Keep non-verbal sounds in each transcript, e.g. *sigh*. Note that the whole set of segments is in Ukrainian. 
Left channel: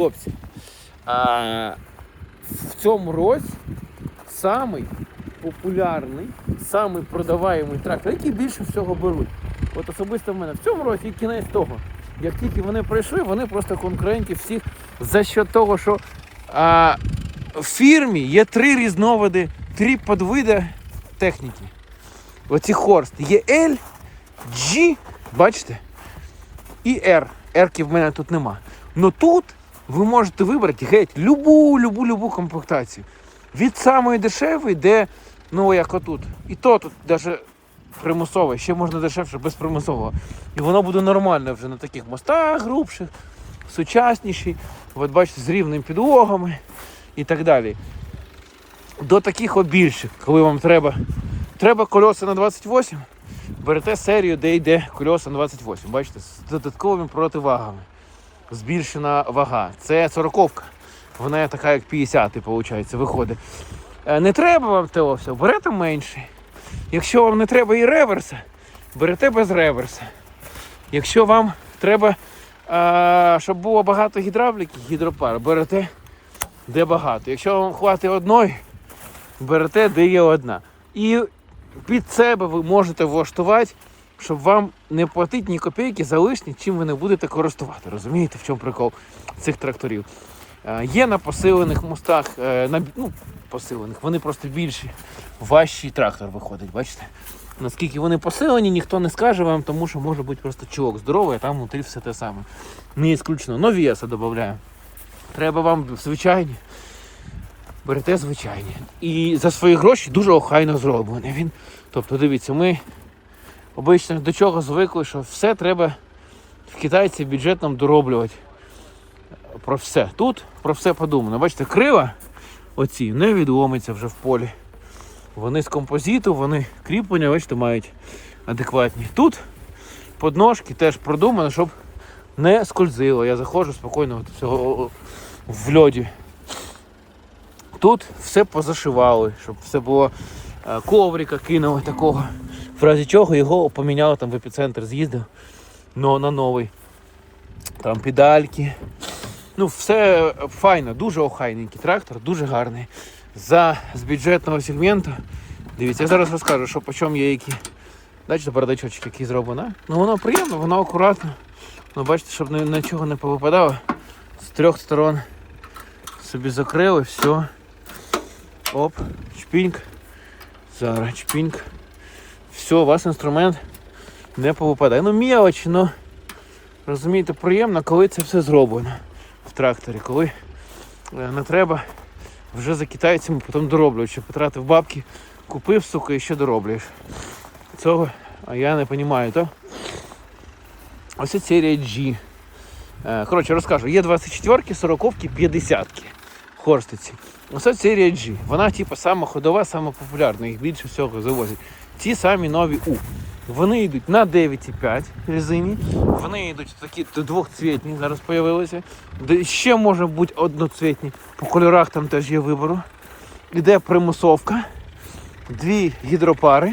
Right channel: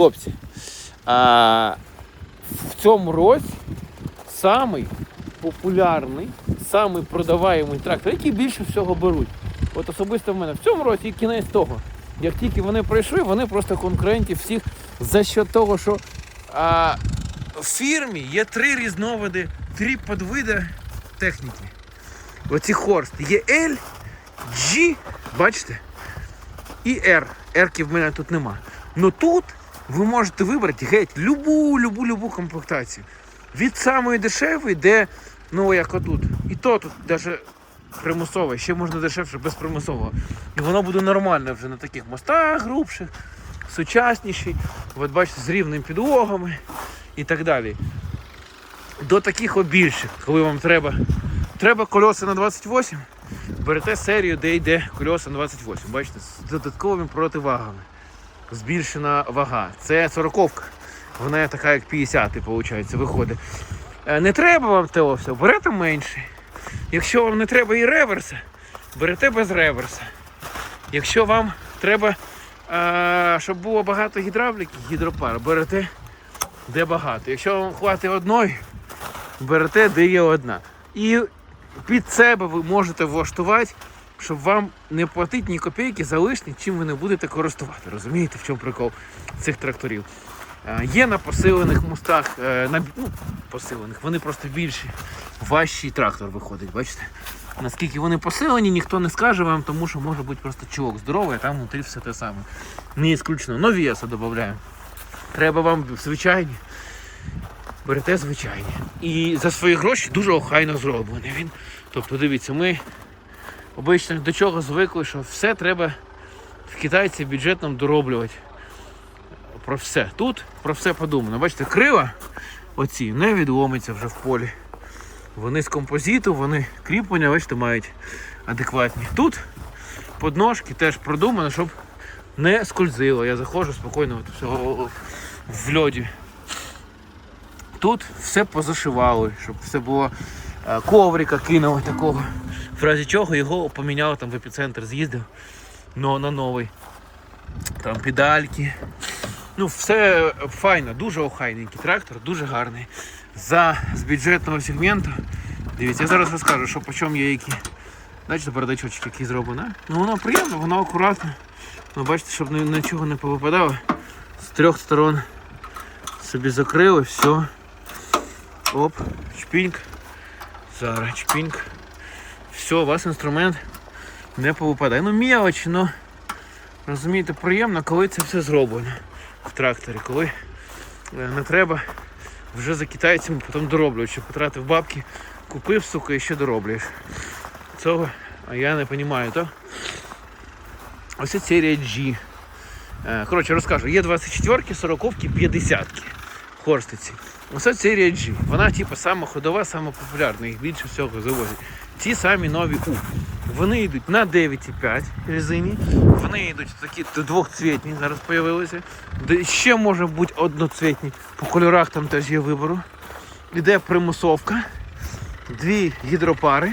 хлопці, а, в цьому році самий популярний, самий продаваємий трактор, який більше всього беруть. От особисто в мене в цьому році і кінець того. Як тільки вони пройшли, вони просто конкурентів всіх за що того, що а, в фірмі є три різновиди, три подвиди техніки. Оці хорст. Є L, G, бачите? І R. R в мене тут нема. Ну тут ви можете вибрати геть любу, любу, любу комплектацію. Від самої дешевої, де, ну як отут. І то тут навіть примусове, ще можна дешевше без примусового. І воно буде нормально вже на таких мостах грубших, сучасніший. От бачите, з рівними підлогами і так далі. До таких от більших, коли вам треба. Треба кольоса на 28, берете серію, де йде кольоса на 28. Бачите, з додатковими противагами. Збільшена вага. Це 40-ка. Вона така, як 50 виходить, виходить. Е, Не треба вам того все, берете менше. Якщо вам не треба і реверса, берете без реверса. Якщо вам треба, а, щоб було багато гідравліки, гідропар, берете де багато. Якщо вам хватить одної, берете, де є одна. І під себе ви можете влаштувати, щоб вам не платити ні копійки за лишнє, чим ви не будете користувати. Розумієте, в чому прикол цих тракторів? Е, Є на посилених мостах, е, на ну, посилених, вони просто більші. Важчий трактор виходить, бачите? Наскільки вони посилені, ніхто не скаже вам, тому що може бути просто чувак здоровий, а там внутрі все те саме. Не ісключено. Но веса додаємо. Треба вам звичайні. Берете звичайні. І за свої гроші дуже охайно зроблений він. Тобто, дивіться, ми обично до чого звикли, що все треба в китайці бюджетом дороблювати. Про все. Тут про все подумано. Бачите, крила оці не відломиться вже в полі. Вони з композиту, вони кріплення, бачите, мають адекватні. Тут подножки теж продумано, щоб не скользило. Я заходжу спокійно от в льоді. Тут все позашивали, щоб все було е, коврика кинули такого. В разі чого його поміняли там в епіцентр, з'їздив но на новий. Там педальки. Ну, все файно, дуже охайненький трактор, дуже гарний. За з бюджетного сегменту. Дивіться, я зараз розкажу, що по чому є які. Бачите, бардачочок який зроблено. Ну воно приємно, воно акуратно. Ну, бачите, щоб нічого не повипадало. З трьох сторон собі закрили, все. Оп, чпіньк. Зараз чпіньк. Все, у вас інструмент не повипадає. Ну мелочі, ну розумієте, приємно, коли це все зроблено в тракторі, коли е, не треба вже за китайцями потім дороблювати, що потратив бабки, купив, сука, і ще дороблюєш. Цього а я не розумію, то. Ось це серія G. Е, Коротше, розкажу, є 24-ки, 40-ки, 50-ки. Хорстиці. Оце серія G. Вона типу сама ходова, сама популярна, їх більше всього завозять. Ці самі нові U. Вони йдуть на 9,5 резині. Вони йдуть такі двохцвітні, зараз з'явилися. Ще може бути одноцвітні. По кольорах там теж є вибору. Іде примусовка, дві гідропари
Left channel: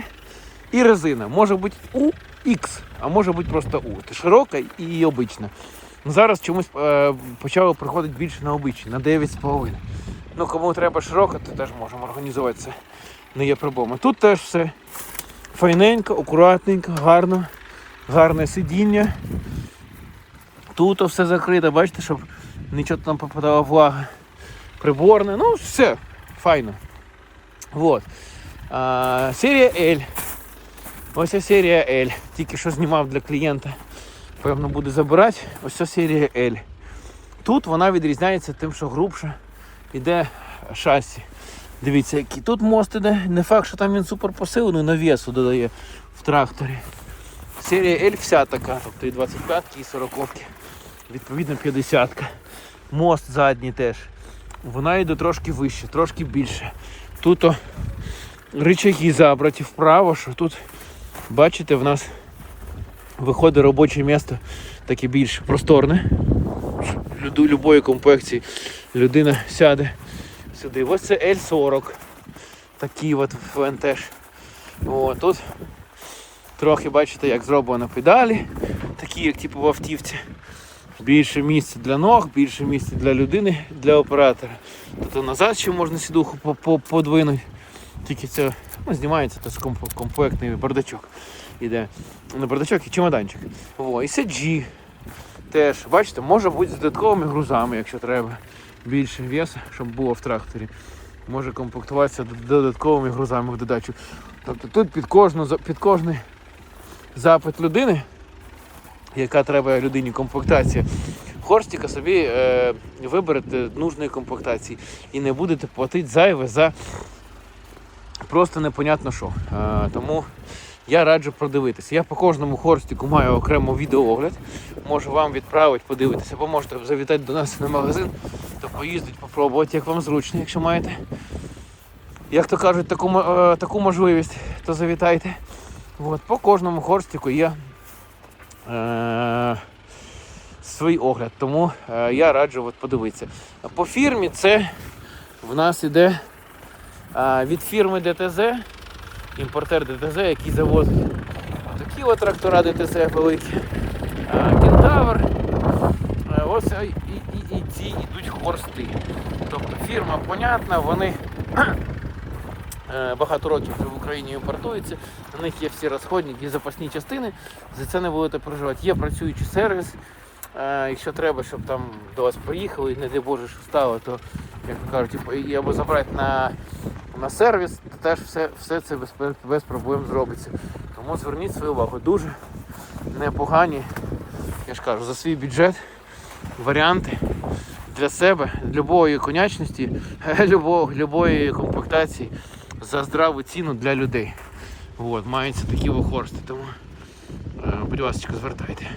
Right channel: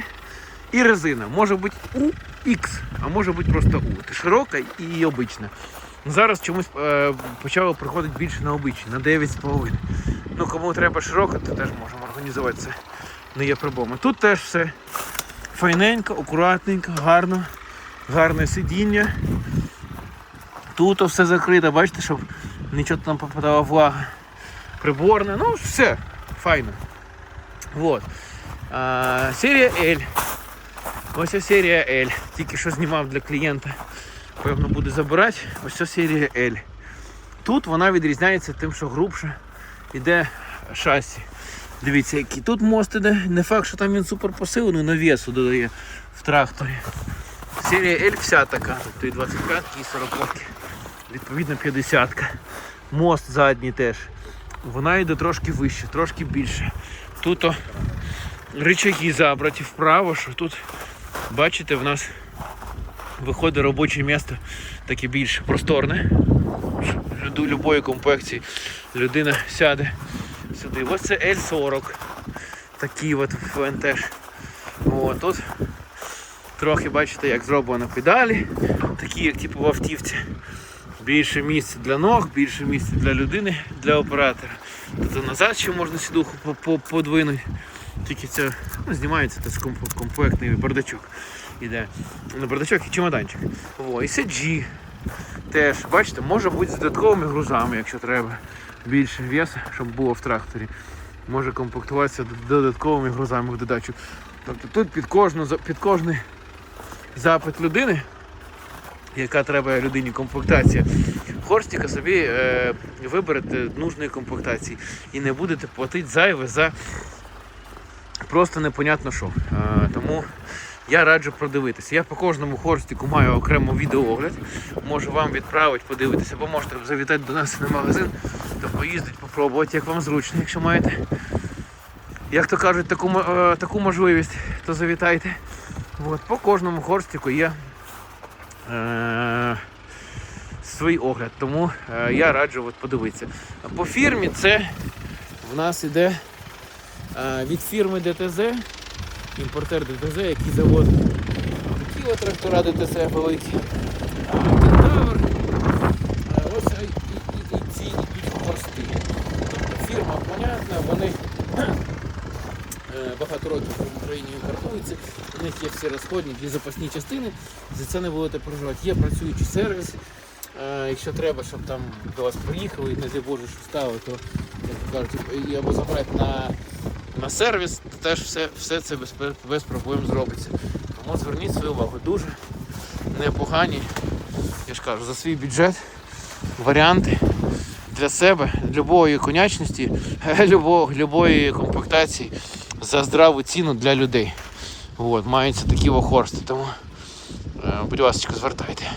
і резина. Може бути UX, а може бути просто. Це широка і обична. Зараз чомусь е, почало приходити більше на обичні, на 9,5. Ну, кому треба широка, то теж можемо організувати це. Не є проблема. Тут теж все файненько, акуратненько, гарно, гарне сидіння. Тут все закрито, бачите, щоб нічого там попадала влага. Приборне, ну все, файно. Вот. А, серія L. Ось ця серія L. Тільки що знімав для клієнта. Певно буде забирати. Ось ця серія L. Тут вона відрізняється тим, що грубше йде шасі. Дивіться, який тут мост іде. Не факт, що там він супер посилений, навесу додає в тракторі. Серія L вся така, тобто і 25 і 40 відповідно 50 -ка. Мост задній теж. Вона йде трошки вище, трошки більше. Тут о, рычаги забраті вправо, що тут, бачите, в нас виходить робоче місце таке більш просторне. Люду- любої комплекції людина сяде сюди. Ось це L40. Такий от ФНТ. О, тут трохи бачите, як зроблено педалі, такі, як типу в автівці. Більше місця для ног, більше місця для людини, для оператора. Тобто назад ще можна сідуху по- по- подвинути. Тільки це ну, знімається теж комплектний бардачок. Іде. Не бардачок і чемоданчик. О, і сиджі. Теж, бачите, може бути з додатковими грузами, якщо треба. Більше вес, щоб було в тракторі. Може комплектуватися додатковими грузами в додачу. Тобто тут під кожну під кожний запит людини, яка треба людині комплектація, Хорстіка собі е, виберете нужної комплектації і не будете платити зайве за просто непонятно що. Е, тому я раджу продивитися. Я по кожному хорстику маю окремо відеоогляд. Можу вам відправити, подивитися, або можете завітати до нас на магазин, то поїздити, попробувати, як вам зручно, якщо маєте. Як то кажуть, таку, е, таку можливість, то завітайте. От, по кожному хорстику є е, свій огляд, тому е, я раджу от, подивитися. По фірмі це в нас іде е, від фірми ДТЗ, імпортер ДТЗ, який заводить такі от трактора ДТЗ великі. Е, Кентавр. Е, Ось і, і, і, і ці йдуть хорсти. Тобто фірма понятна, вони *clears throat* е, багато років в Україні імпортуються. На них є всі розходники і запасні частини. За це не будете переживати. Є працюючий сервіс. Е, Якщо треба, щоб там до вас приїхали і не дай Боже, що стало, то як кажуть, і або забрати на, на сервіс, то теж все, все це без, без проблем зробиться. Тому зверніть свою увагу. Дуже непогані, я ж кажу, за свій бюджет варіанти для себе, любої конячності, *laughs* любого, любої комплектації за здраву ціну для людей. От, маються такі вохорсти. Тому, е, будь ласка, звертайте.